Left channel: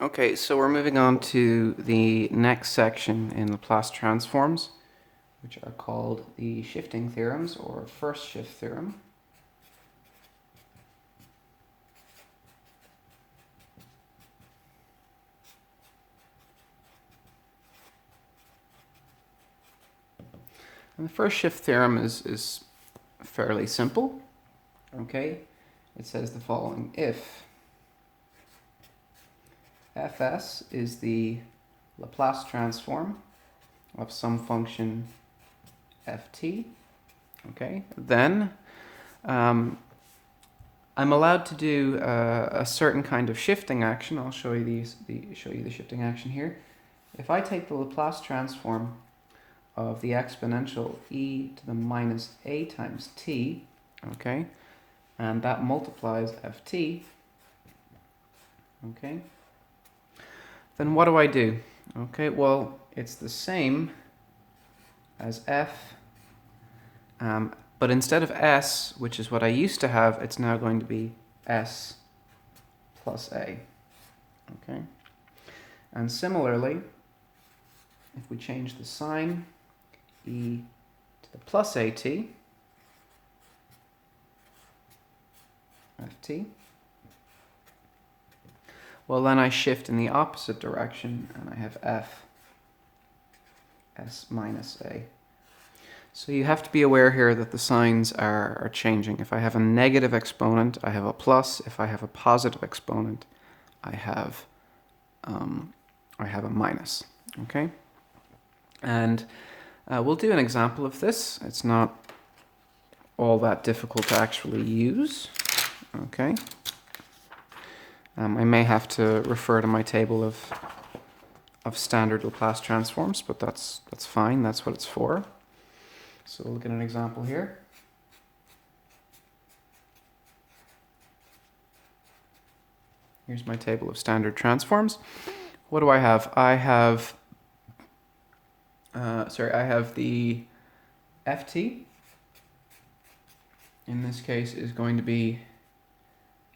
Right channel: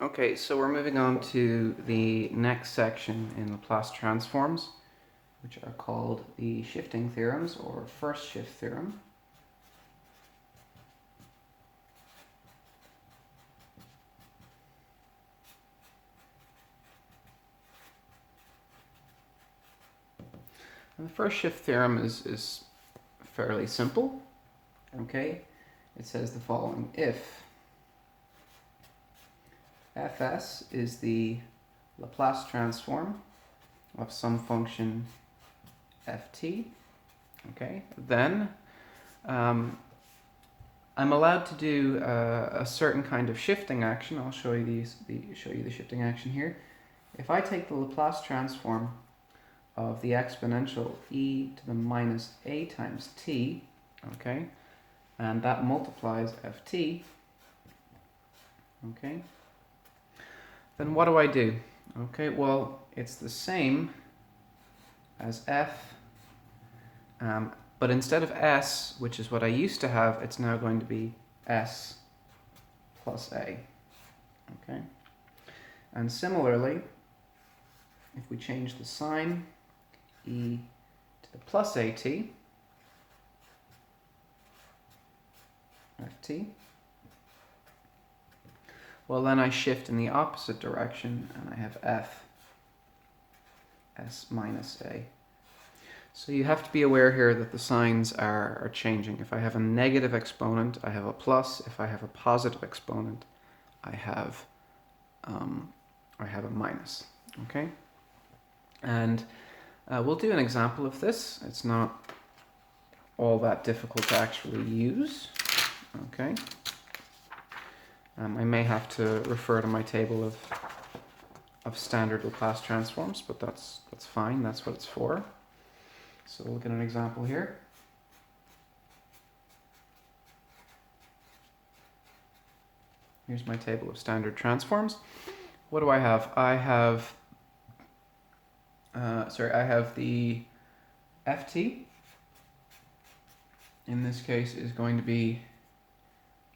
Okay, so we're moving on to the next section in Laplace transforms, which are called the shifting theorems, or first shift theorem. And the first shift theorem is fairly simple. Okay, it says the following: if Fs is the Laplace transform of some function ft, okay, then I'm allowed to do a certain kind of shifting action. I'll show you the shifting action here. If I take the Laplace transform of the exponential e to the minus a times t, okay, and that multiplies ft, okay, then what do I do? Okay, well, it's the same as f, but instead of s, which is what I used to have, it's now going to be s plus a, okay? And similarly, if we change the sign, e to the plus at, ft, well, then I shift in the opposite direction and I have f s minus a. So you have to be aware here that the signs are changing. If I have a negative exponent, I have a plus. If I have a positive exponent, I have a minus. Okay, and we'll do an example of this. It's not all that difficult to actually use. Okay. I may have to refer to my table of standard Laplace transforms, but that's fine. That's what it's for. So we'll look at an example here. Here's my table of standard transforms. What do I have? I have the ft. In this case is going to be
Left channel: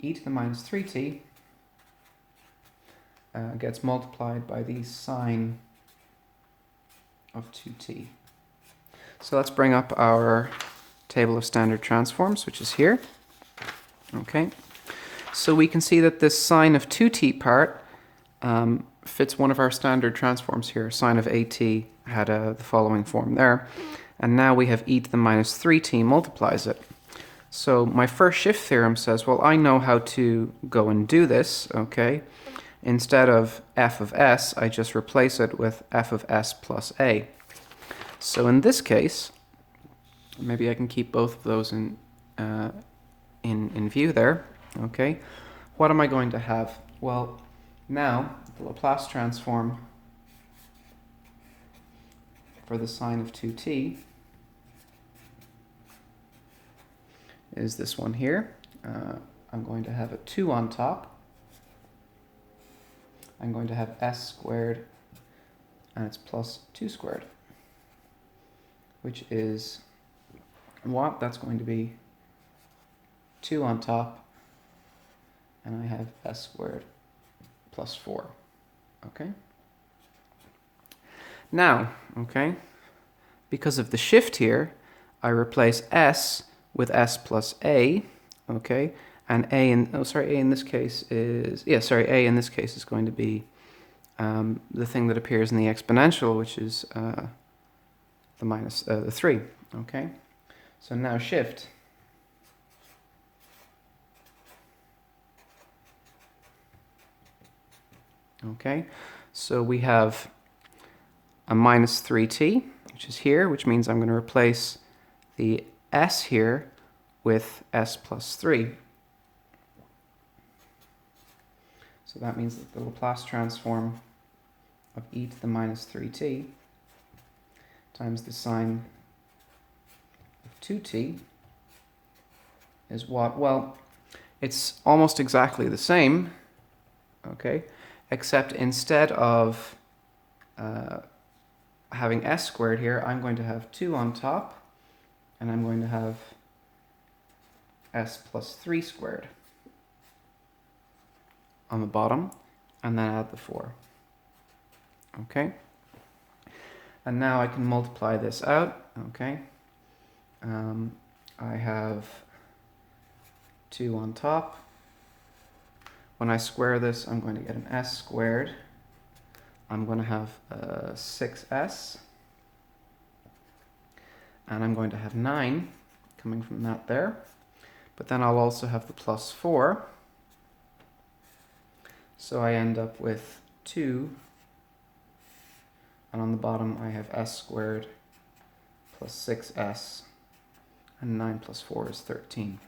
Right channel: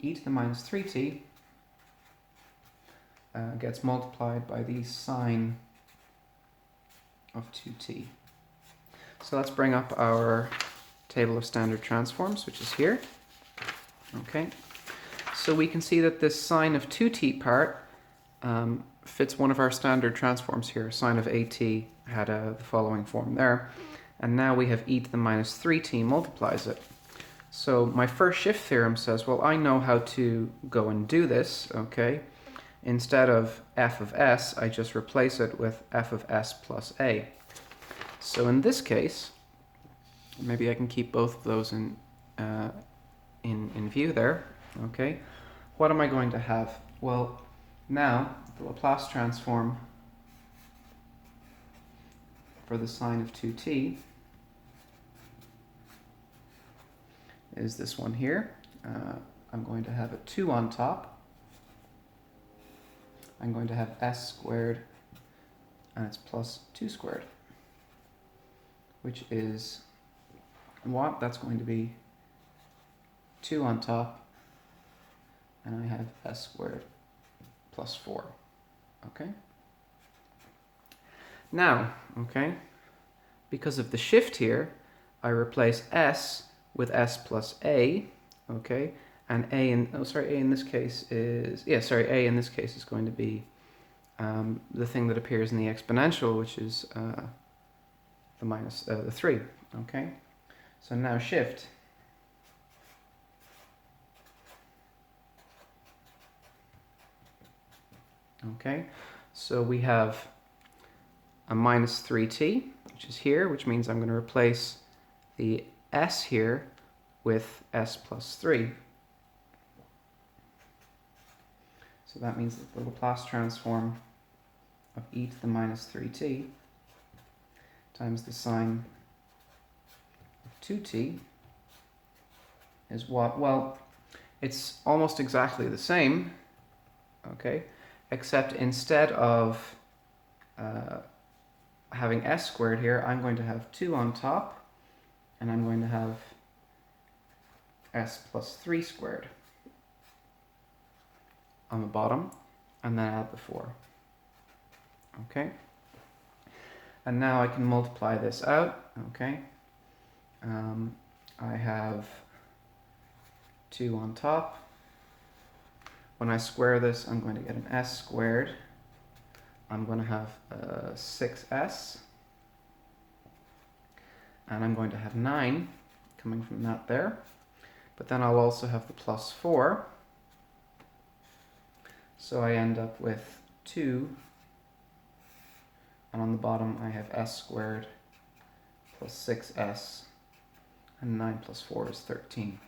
e to the minus 3t gets multiplied by the sine of 2t. So let's bring up our table of standard transforms, which is here. Okay, so we can see that this sine of 2t part fits one of our standard transforms here. Sine of at had the following form there. And now we have e to the minus 3t multiplies it. So my first shift theorem says, well, I know how to go and do this, okay? Instead of f of s, I just replace it with f of s plus a. So in this case, maybe I can keep both of those in view there, okay? What am I going to have? Well, now the Laplace transform for the sine of 2t is this one here. I'm going to have a 2 on top. I'm going to have s squared, and it's plus 2 squared, which is what? That's going to be 2 on top, and I have s squared plus 4, okay? Now, okay, because of the shift here, I replace s with s plus a, okay? And a in this case is going to be the thing that appears in the exponential, which is the 3, okay? So now shift. Okay, so we have a minus 3t, which is here, which means I'm going to replace the s here with s plus 3. So that means that the Laplace transform of e to the minus 3t times the sine of 2t is what? Well, it's almost exactly the same, okay, except instead of having s squared here, I'm going to have 2 on top, and I'm going to have s plus 3 squared on the bottom, and then add the 4. Okay? And now I can multiply this out. Okay? I have 2 on top. When I square this, I'm going to get an s squared. I'm going to have 6s. And I'm going to have 9 coming from that there. But then I'll also have the plus 4. So I end up with 2. And on the bottom I have s squared plus 6s. And 9 plus 4 is 13.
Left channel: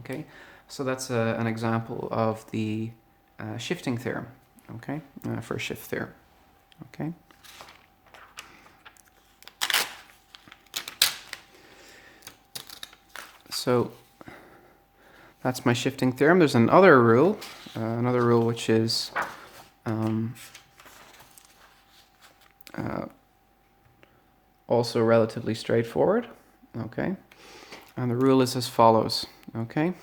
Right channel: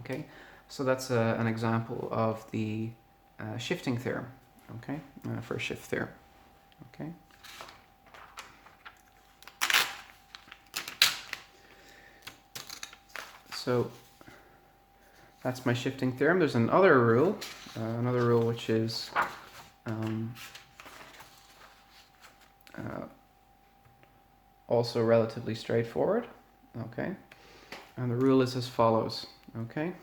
Okay, so that's an example of the shifting theorem. Okay, for shift theorem. Okay. So that's my shifting theorem. There's another rule which is also relatively straightforward. Okay, and the rule is as follows. Okay.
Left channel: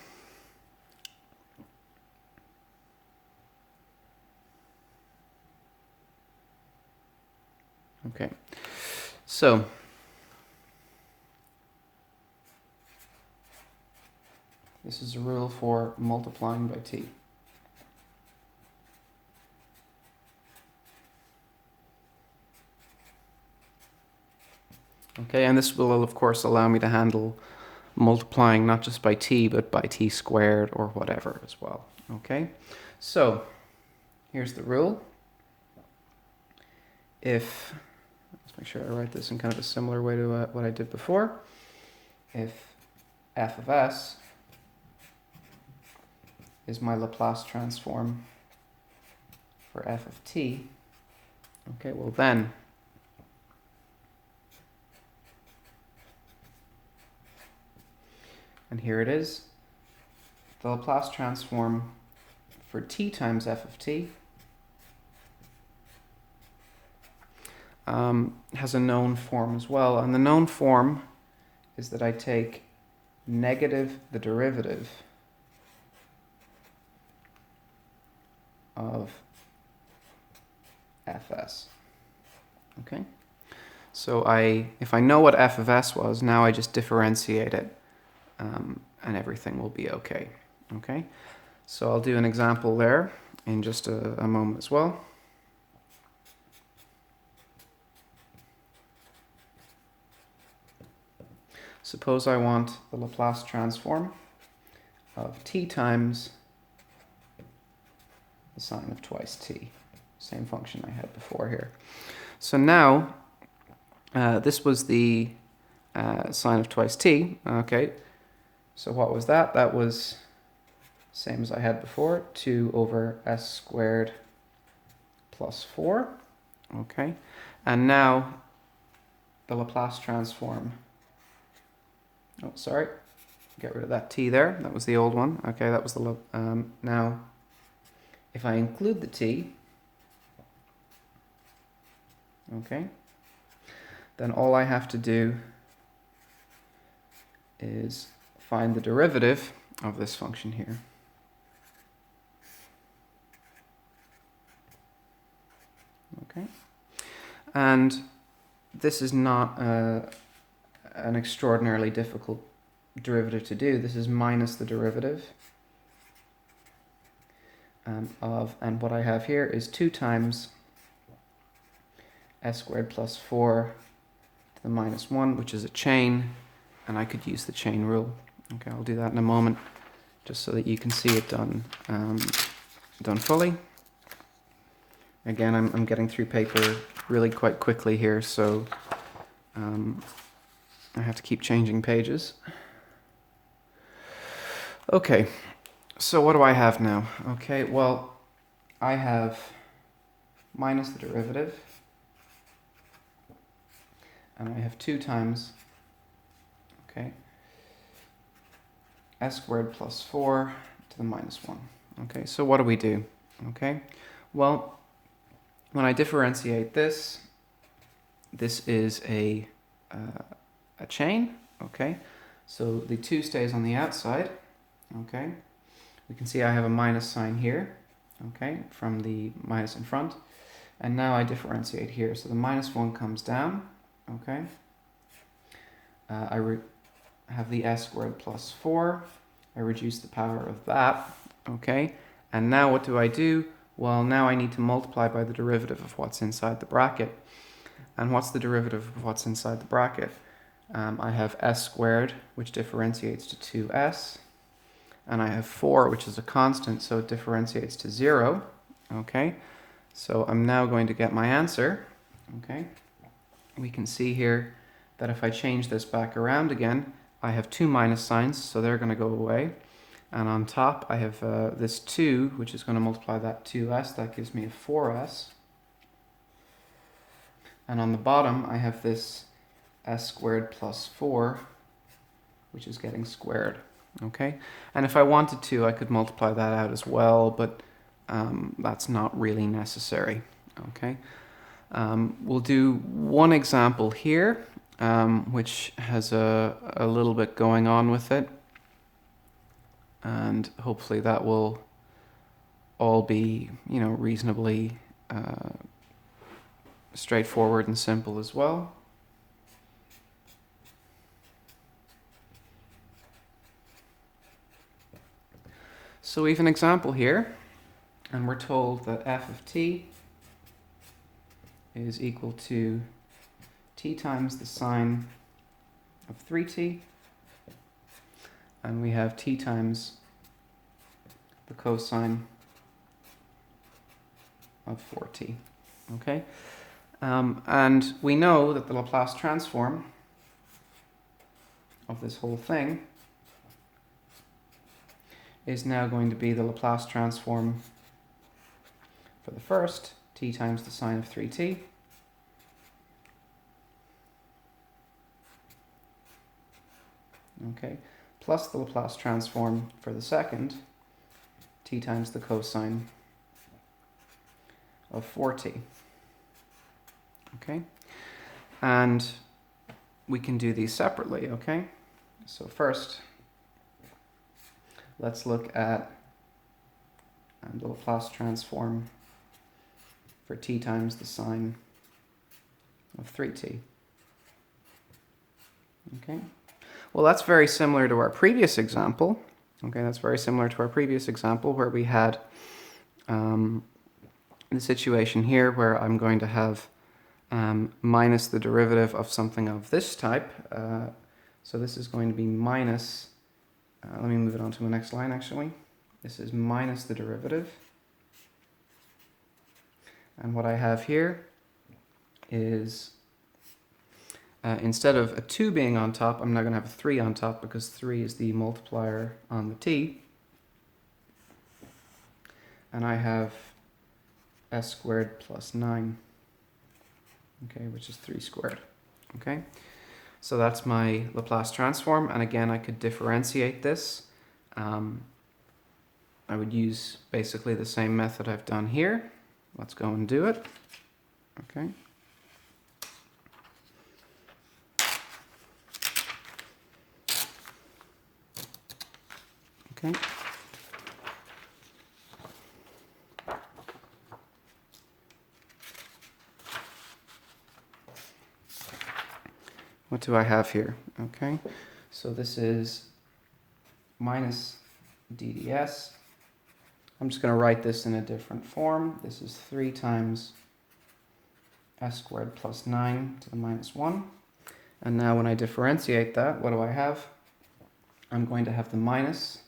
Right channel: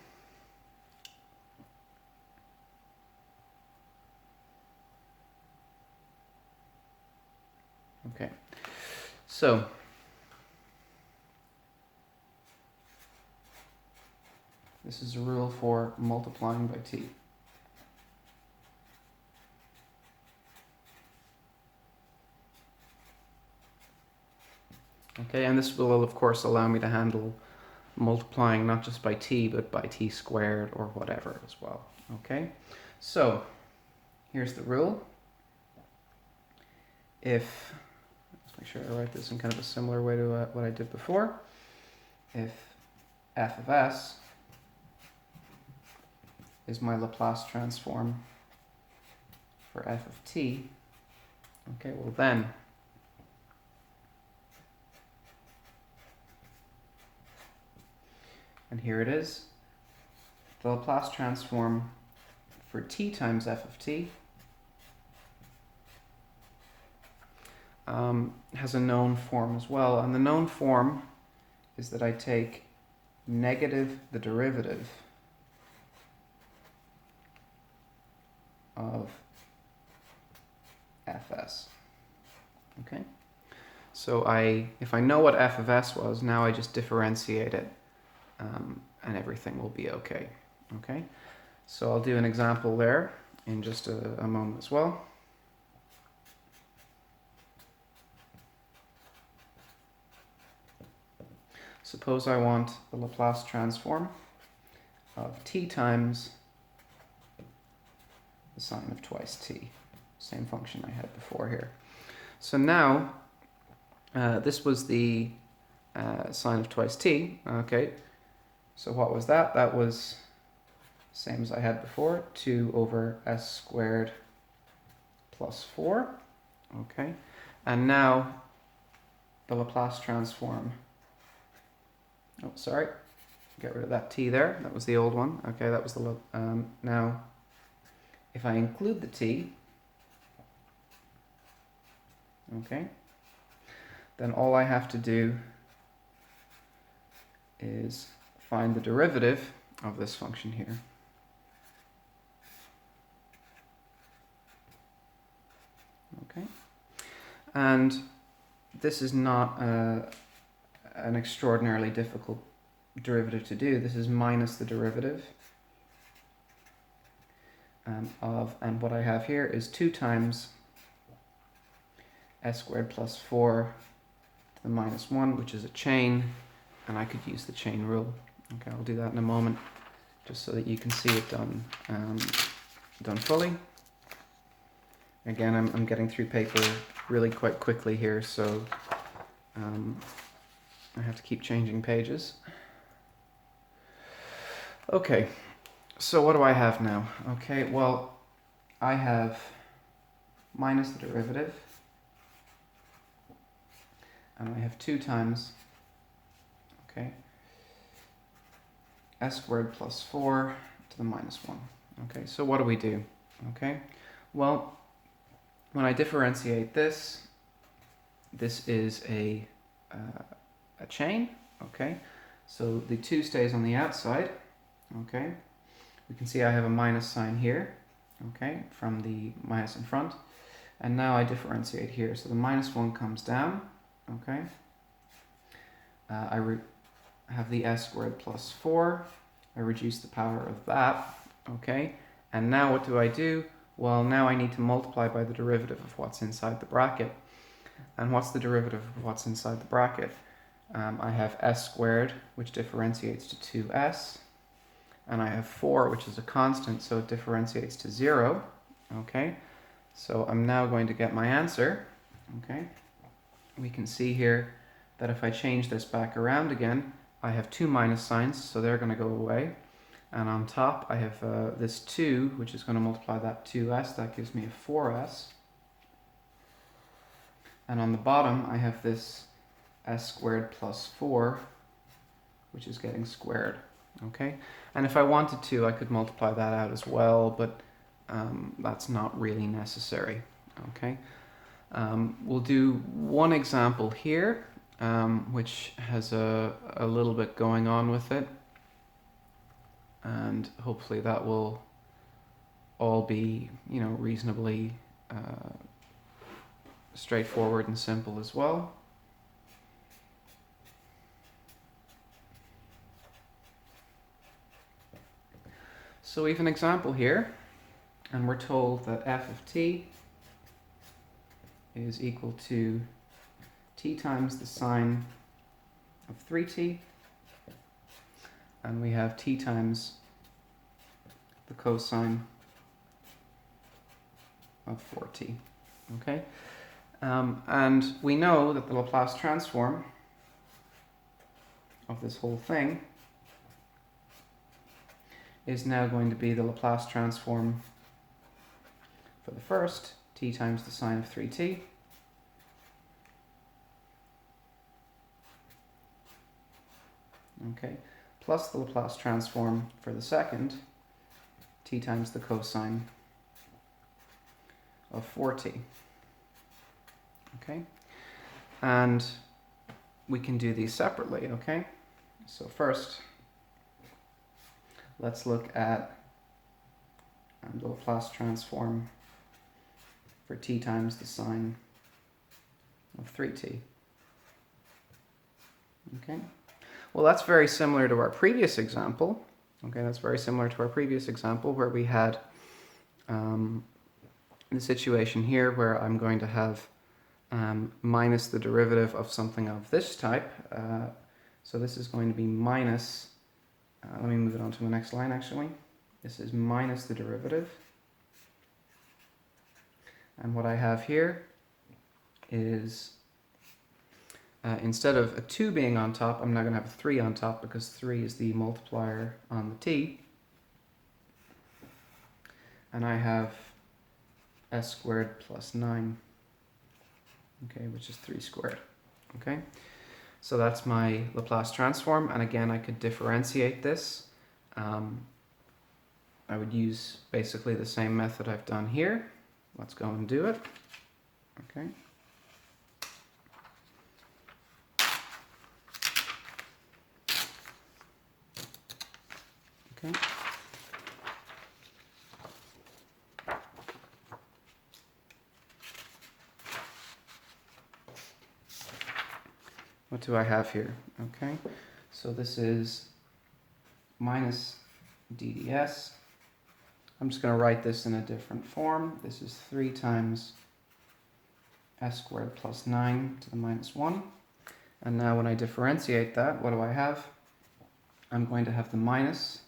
Okay, so this is a rule for multiplying by t. Okay, and this will of course allow me to handle multiplying not just by t, but by t squared or whatever as well. Okay, so here's the rule. If, let's make sure I write this in kind of a similar way to what I did before. If f of s is my Laplace transform for f of t, okay, well then and here it is, the Laplace transform for t times f of t has a known form as well. And the known form is that I take negative the derivative of fs. Okay? So if I know what f of s was, now I just differentiate it. And everything will be okay. Okay, so I'll do an example there in just a moment as well. Suppose I want the Laplace transform of t times the sine of twice t. Same function I had before here. So now, this was the sine of twice t. Okay. So what was that? That was same as I had before, 2 over s squared plus 4. Okay, and now the Laplace transform. Oh, sorry, get rid of that t there. That was the old one. Okay, that was the now. If I include the t, okay, then all I have to do is find the derivative of this function here. Okay, and this is not an extraordinarily difficult derivative to do. This is minus the derivative and what I have here is 2 times s squared plus 4 to the minus 1, which is a chain, and I could use the chain rule. Okay, I'll do that in a moment, just so that you can see it done fully. Again, I'm getting through paper really quite quickly here, so I have to keep changing pages. Okay, so what do I have now? Okay, well, I have minus the derivative, and I have 2 times, okay, s squared plus 4 to the minus 1. Okay, so what do we do? Okay, well, when I differentiate this, this is a chain, okay, so the 2 stays on the outside, okay, we can see I have a minus sign here, okay, from the minus in front. And now I differentiate here. So the minus 1 comes down, okay. I have the s squared plus 4. I reduce the power of that, okay. And now what do I do? Well, now I need to multiply by the derivative of what's inside the bracket. And what's the derivative of what's inside the bracket? I have s squared, which differentiates to 2s. And I have 4, which is a constant, so it differentiates to 0, okay. So I'm now going to get my answer, okay. We can see here that if I change this back around again, I have two minus signs, so they're going to go away. And on top, I have this 2, which is going to multiply that 2s. That gives me a 4s. And on the bottom, I have this s squared plus 4, which is getting squared. Okay? And if I wanted to, I could multiply that out as well, but that's not really necessary. Okay? We'll do one example here, which has a little bit going on with it. And hopefully that will all be, reasonably straightforward and simple as well. So we have an example here, and we're told that f of t is equal to t times the sine of 3t, and we have t times the cosine of 4t, okay? And we know that the Laplace transform of this whole thing is now going to be the Laplace transform for the first, t times the sine of 3t, okay, plus the Laplace transform for the second, t times the cosine of 4t. Okay, and we can do these separately, okay? So first, let's look at the Laplace transform for t times the sine of 3t. Okay, well, that's very similar to our previous example. Okay, that's very similar to our previous example where we had the situation here where I'm going to have minus the derivative of something of this type. So this is going to be minus, let me move it on to the next line actually. This is minus the derivative. And what I have here is, instead of a 2 being on top, I'm now going to have a 3 on top because 3 is the multiplier on the t. And I have s squared plus 9. Okay, which is 3 squared. Okay, so that's my Laplace transform, and again I could differentiate this. I would use basically the same method I've done here. Let's go and do it. Okay. Okay. What do I have here? Okay, so this is minus dds. I'm just going to write this in a different form. This is 3 times s squared plus 9 to the minus 1. And now when I differentiate that, what do I have? I'm going to have the minus,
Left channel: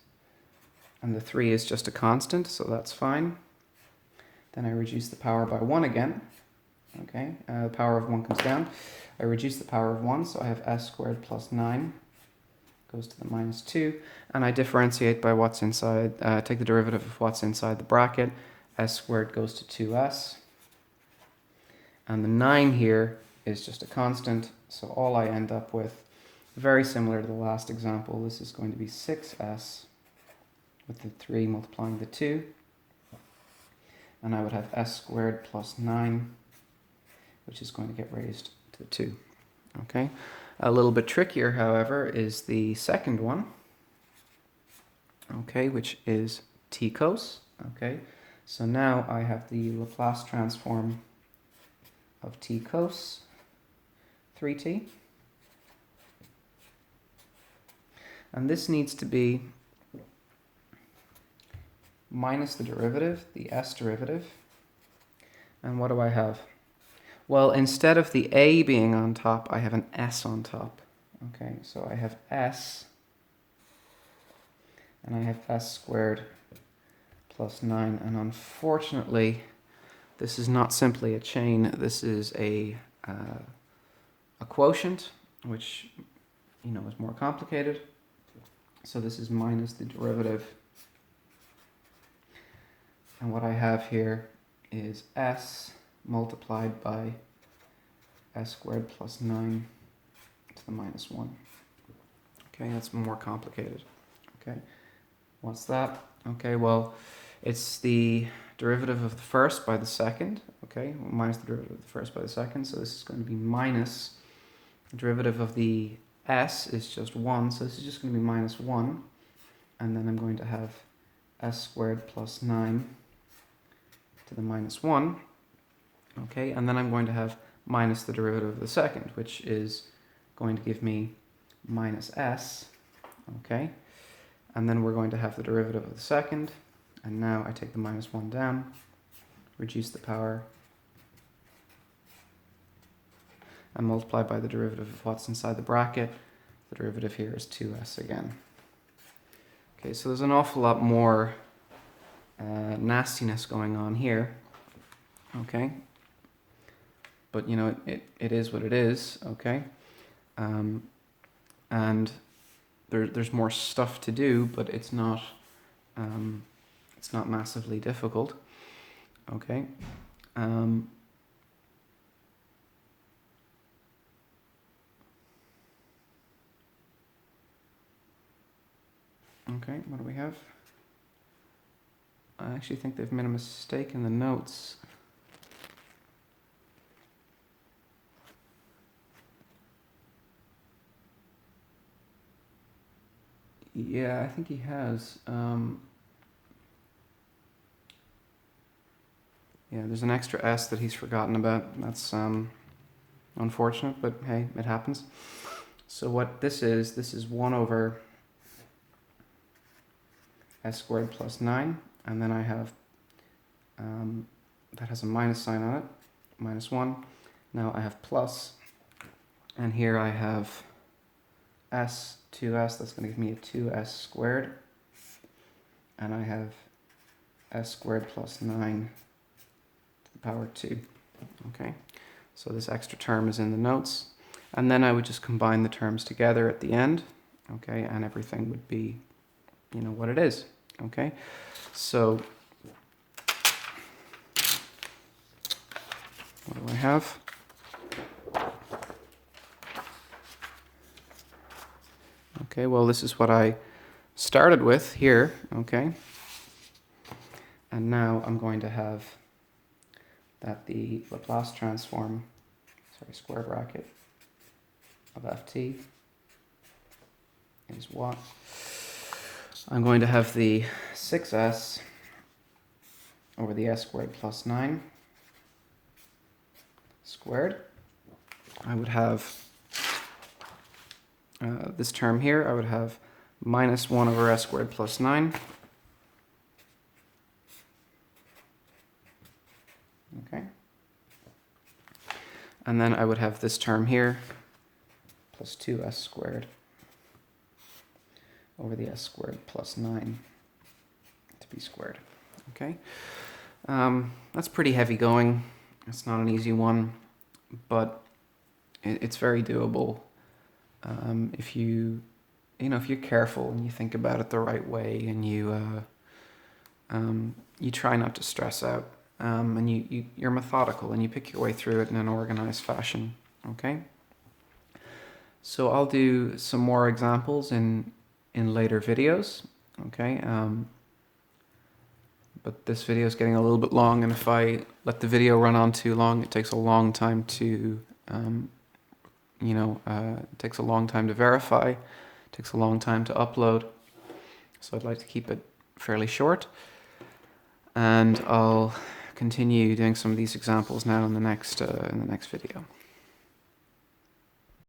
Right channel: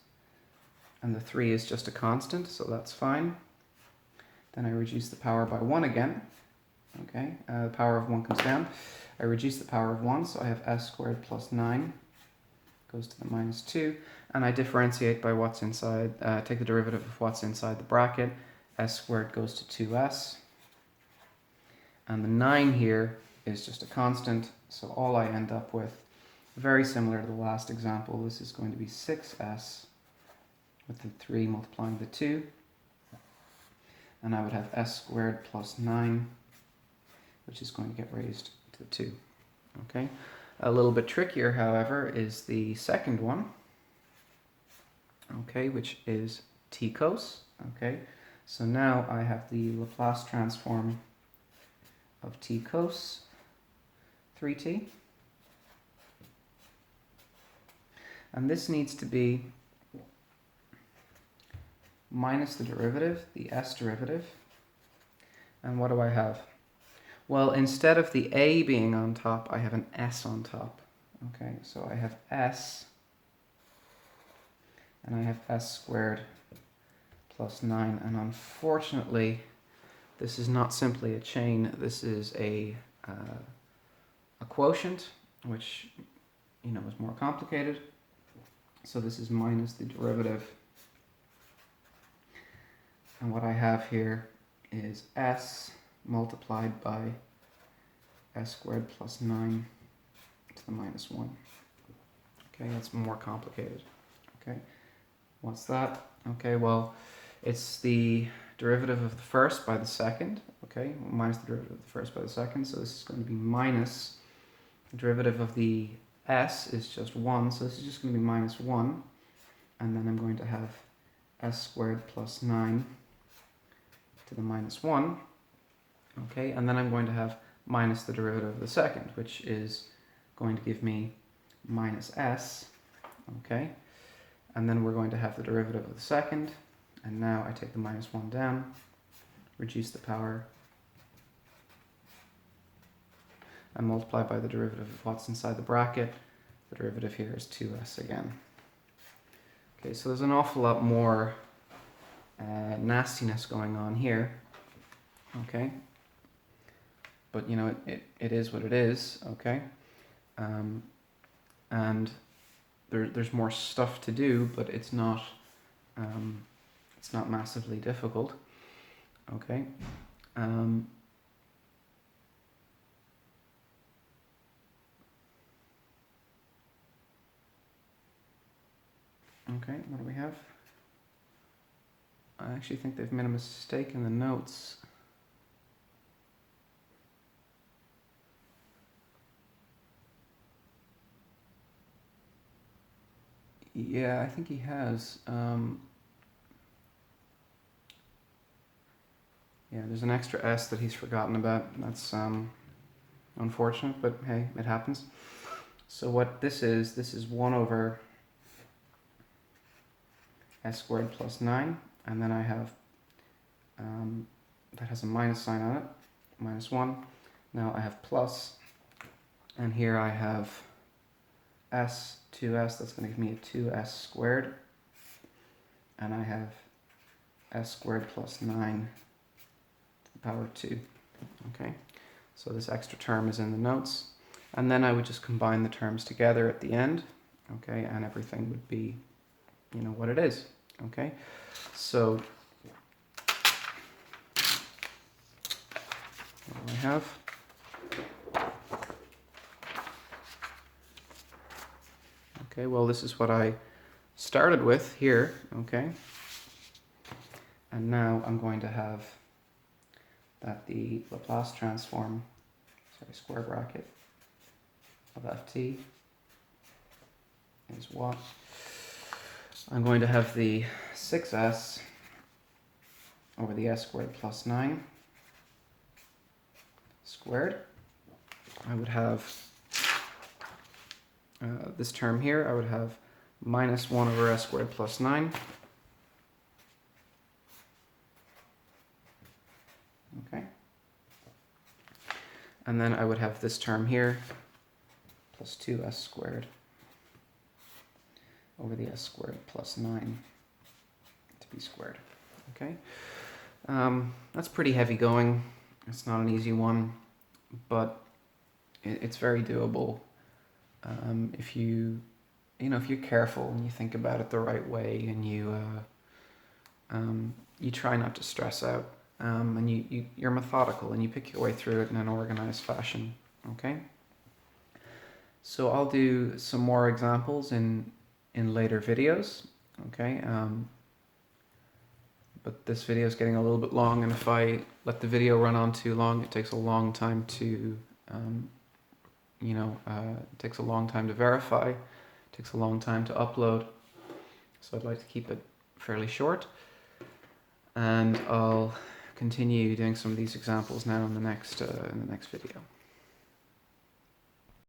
and the 3 is just a constant, so that's fine. Then I reduce the power by 1 again. Okay, the power of 1 comes down. I reduce the power of 1, so I have s squared plus 9 goes to the minus 2, and I differentiate by what's inside, take the derivative of what's inside the bracket. S squared goes to 2s, and the 9 here is just a constant, so all I end up with, very similar to the last example, this is going to be 6s with the 3 multiplying the 2, and I would have s squared plus 9, which is going to get raised to the 2. Okay, a little bit trickier, however, is the second one. Okay, which is t cos. Okay, So now I have the Laplace transform of t cos 3t. And this needs to be minus the derivative, the s derivative. And what do I have? Well, instead of the a being on top, I have an s on top. Okay, so I have s, and I have s squared plus 9. And unfortunately, this is not simply a chain. This is a quotient, which, you know, is more complicated. So this is minus the derivative. And what I have here is s multiplied by s squared plus 9 to the minus 1. Okay, that's more complicated. Okay, what's that? Okay, well, it's the derivative of the first by the second. Okay, minus the derivative of the first by the second. So this is going to be minus the derivative of the s is just 1. So this is just going to be minus 1. And then I'm going to have s squared plus 9 to the minus 1. Okay, and then I'm going to have minus the derivative of the second, which is going to give me minus s. Okay, and then we're going to have the derivative of the second, and now I take the minus 1 down, reduce the power, and multiply by the derivative of what's inside the bracket. The derivative here is 2s again. Okay, so there's an awful lot more nastiness going on here. Okay, but you know, it is what it is. Okay, and there's more stuff to do, but it's not massively difficult. Okay. Okay, what do we have? I actually think they've made a mistake in the notes. Yeah, I think he has. Yeah, there's an extra s that he's forgotten about. That's unfortunate, but hey, it happens. So what this is 1 over s squared plus 9, and then I have, that has a minus sign on it, minus 1. Now I have plus, and here I have s, 2s, that's going to give me a 2s squared, and I have s squared plus 9 to the power 2. Okay, so this extra term is in the notes, and then I would just combine the terms together at the end, okay, and everything would be, you know, what it is. Okay, so what do we have? Okay, well, this is what I started with here, okay, and now I'm going to have that the Laplace transform, square bracket of ft is what? I'm going to have the 6s over the s squared plus 9 squared. I would have this term here, I would have minus 1 over s squared plus 9. Okay. And then I would have this term here, plus 2s squared over the s squared plus 9 to be squared. Okay. That's pretty heavy going. It's not an easy one, but it's very doable. If you know, if you're careful and you think about it the right way, and you try not to stress out, and you're methodical and you pick your way through it in an organized fashion. Okay. So I'll do some more examples in later videos. Okay. But this video is getting a little bit long, and if I let the video run on too long, it takes a long time to it takes a long time to verify, it takes a long time to upload, so I'd like to keep it fairly short. and I'll continue doing some of these examples now in the next video.